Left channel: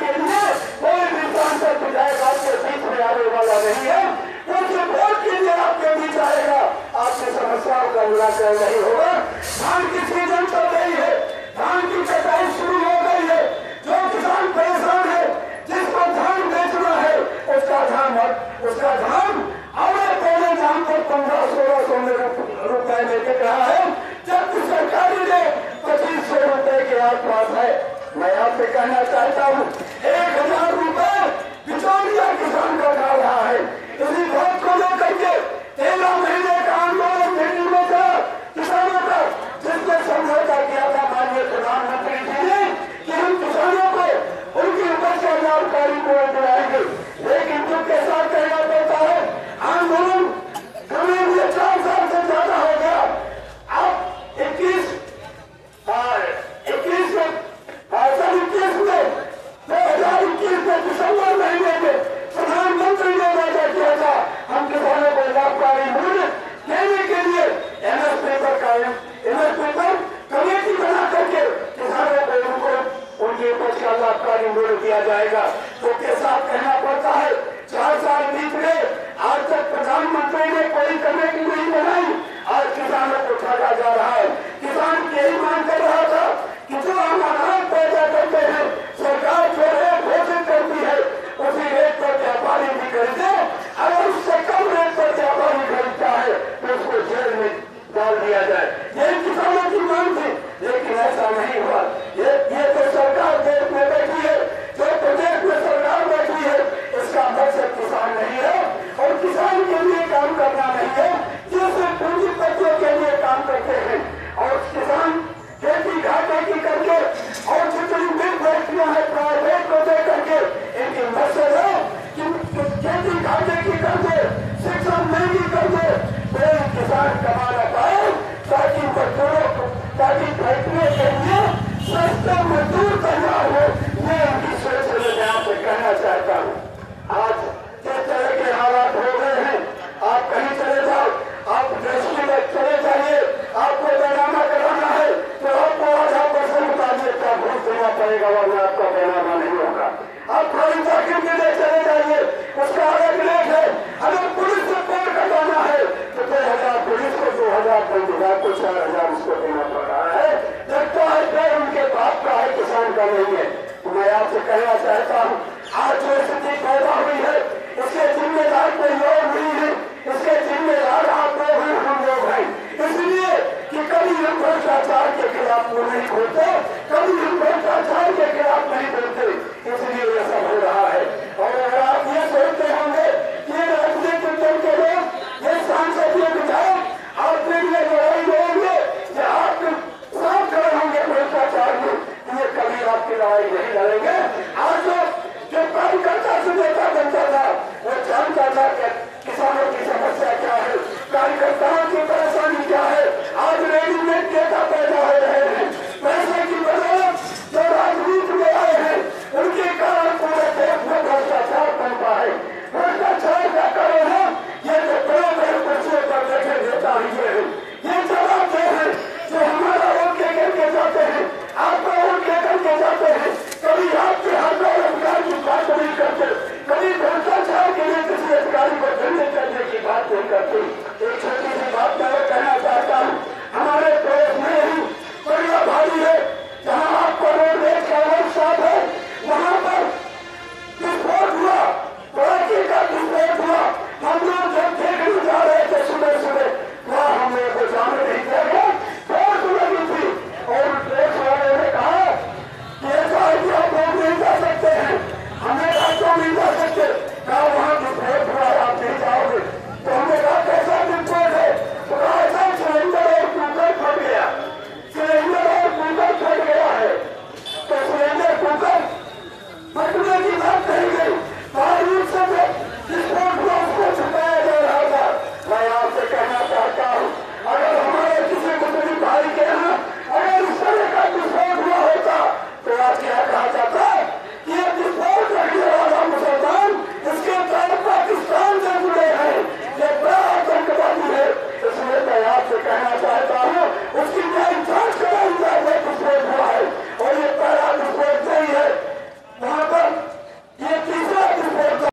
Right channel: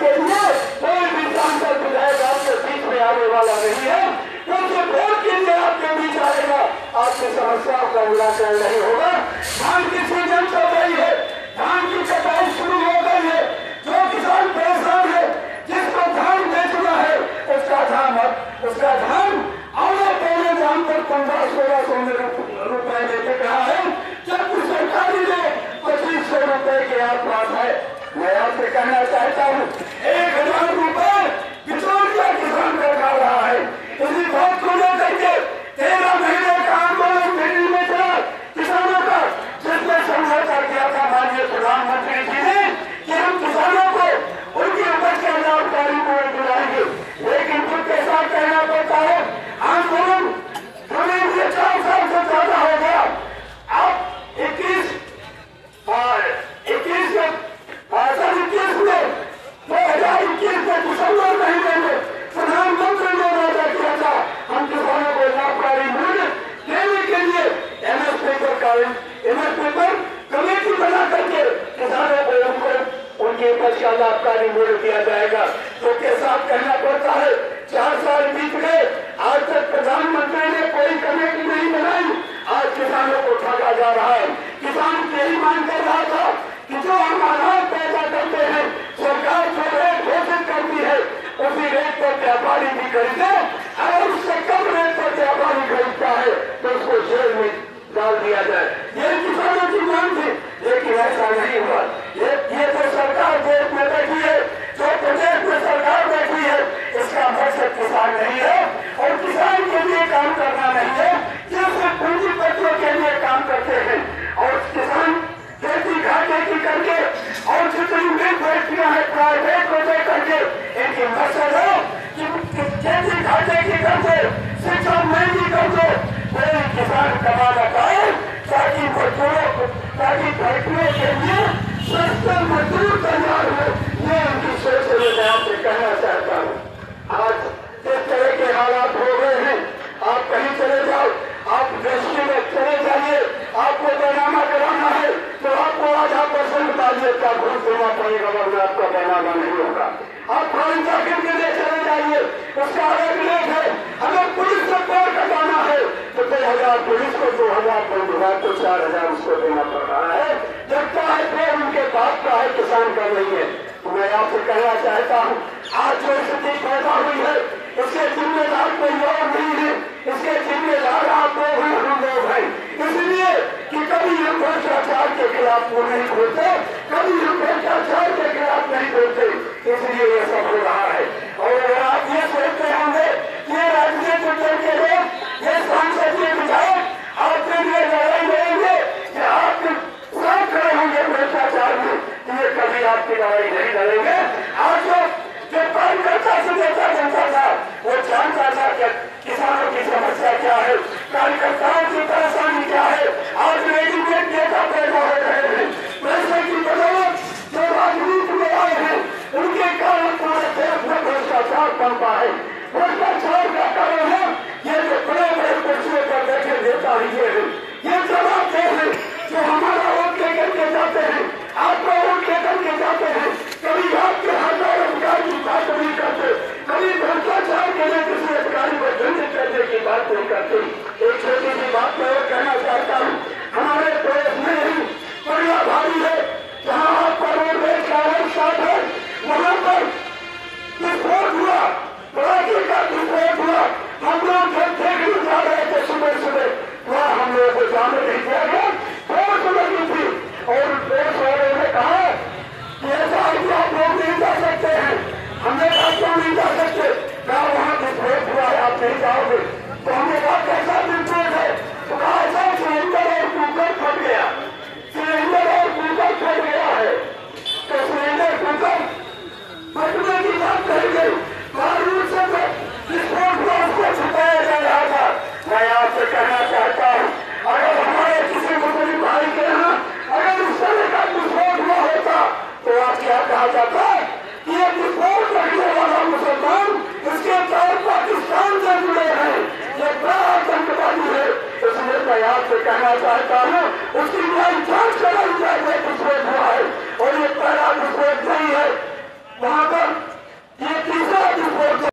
के लिए कोई भी सांसद विधायक आपके बीच में आने वाला नहीं है। क्योंकि वोट के लिए आपके बीच आएगा, आपकी समस्याओं का निराकरण नहीं होगा। धान की सीजन तो गई है, धान की कटाई शुरू हो गई है। जो किसान परेशान है, जिसको धान बेचना है, उसका धान आने पहले दाम पर 1500-1600 रुपए लेके कहा है, जबकि सरकारी ने 2500 रुपए के आसपास है। मैं आपसे कहना चाहता हूँ 1000 रुपए बिचौलिया किसान का खा रहा है। इसी बात को लेकर के 13 महीने का आंदोलन दिल्ली में था किसानों का, जिसमें समझौता किया था माननीय प्रधानमंत्री जी ने कि हम किसानों को उनकी उपज का जानकारी बोर्ड दिलाएंगे। लेकिन जिनके साथ कहना पड़ता है, आंदोलन शुरू हुए 4 साल से ज्यादा हो गया। अब 2021 में दिसंबर महीने में प्रधानमंत्री ने वादा किया था हम किसानों को लाभकारी मूल्य देने के लिए एमएसपी पर कमेटी बना करके किसानों को उनके उपज का लाभकारी मूल्य दिया जाएगा। तो के साथ कहना पड़ता है 4 साल बीत गए, आज तक प्रधानमंत्री ने कोई कमेटी नहीं बनाई। आज किसानों को ठगा जा रहा है। किसान यही मांग कर रहा था कि जो हम अनाज पैदा करते हैं, सरकार जो रेट घोषित करती है उसी रेट पर व्यापारी भी खरीदे। अगर उससे कम रेट पर व्यापारी खरीदता है तो उसको जेल में डाल दिया जाए। ये किसानों की मांग थी, लेकिन ऐसा नहीं हुआ। ये तो सरकार देश में बैठी है, जो प्रदेश में सरकार बैठी है, इसका मकसद किसान नहीं है और किसान के लिए काम करना नहीं है। सिर्फ पूंजीपतियों के लिए काम करते हैं और किसान खेती घाटे की करके और जितनी भी फैक्ट्रियां हैं प्राइवेट को दे करके इनकी मकसद है कि खेती घाटे की करके शिक्षा महंगी करके कोई किसान कमाना पाए, ताकि फैक्ट्रियों के लिए सस्ते मजदूर तैयार हो। ये उनकी सोच है। मैं आपसे कहना चाहता हूँ, आज जिस तरह के हालात हो गए हैं, आप कहीं चले जाओ, आप इंडस्ट्री में चले जाइए, आपको पैमाना कराना है तो आपको 8% ताजियत का घूस देना पड़ेगा, वरना आपका पैमाना नहीं होगा। आप फॉरेन जाकर के लिए चले जाइए, उसका अलग रेट है। अगर पुलिस से पैर कटाना है तो 2000 पुलिस को, 2000 पंचायत को 4000 उसको देना पड़ रहा है। जबकि है पैर उनके बाप का है, किसान का नहीं है। तो मैं आपसे कहना चाहता हूँ, आज जो स्थिति पैदा हुई है इसके जिम्मेदार कोई और नहीं है, इसके जिम्मेदार आप लोग हैं, हम लोग हैं। इसलिए कि कभी हम भ्रष्टाचार के खिलाफ मुंह नहीं खोलते, कभी हम भ्रष्टाचार के खिलाफ नहीं बोलते, इसलिए ये सब हो रहा है। और अगर आप ये सोचते होंगे ये राजनीतिक दल के लोग, ये सांसद, ये विधायक आपके लिए लड़ाई लड़ेंगे, ये आप साथ खड़े होंगे भ्रष्टाचार में, ये कभी आपकी लड़ाई नहीं लड़ेंगे। आज जो कार्यकर्ता से नेता बनता था वो जानता था कि किसानों की समस्या क्या है, कार्यकर्ताओं की परेशानी क्या है। आज रेडीमेड नेता पैदा हो रहे हैं, पैसे की बदौलत जो राजनीति में आए हैं उनके कारण पूरे देश में भ्रष्टाचार बनता है। भ्रष्टाचार का कारण है ये जो बड़े बड़े कुर्सियों पर बैठे नेता ही है, ये जवाब हैं जो हमारा वोट लेकर के जाते हैं, आपका वोट लेकर के जाते हैं। कभी आपके हजार अधिकार की बात नहीं करते, कभी भ्रष्टाचार के लिए किसी अधिकारी को दंडित करने की बात नहीं करते। एक छोटी सी बात मैं कहना चाहता हूँ, हमारे देश में ही बढ़िया भारी है, जहाँ आपका रोडवेज का साथ है, वहाँ पर विस्फोट हुआ, पटाखे का विस्फोट हुआ। हम लोग जब देखने जा रहे थे सुबह सुबह, वहाँ हम लोगों को जाने नहीं दिया गया, बहुत लगी थी और पुलिस वालों ने कहा कि ऐसा आप लोग नहीं जा सकते हैं। हमने कहा क्यों नहीं जा सकते, कहा वहाँ विस्फोट हुआ है, आप नहीं जाओगे। तो हमने कहा कैसा विस्फोट है, तो कहा ऐसा सिलेंडर और कुकर फट गया, सिलेंडर और कुकर फट गया है। तो सिलेंडर कुकर फटने की बात कही गई, बारूद से विस्फोट हुआ, उसको छुपाया जा रहा था। मैं आपसे कहना चाहता हूँ, अगर हमारे किसी मुस्लिम भाई के यहाँ अगर इस तरह का विस्फोट हुआ होता तो आप क्या कहा जाता कि ये विस्फोट रखने वाला मुसलमान इसके साथ पाकिस्तान से जुड़े हैं, ये बड़ा आतंकवादी है। इसलिए मैं आपसे कहना चाहता हूँ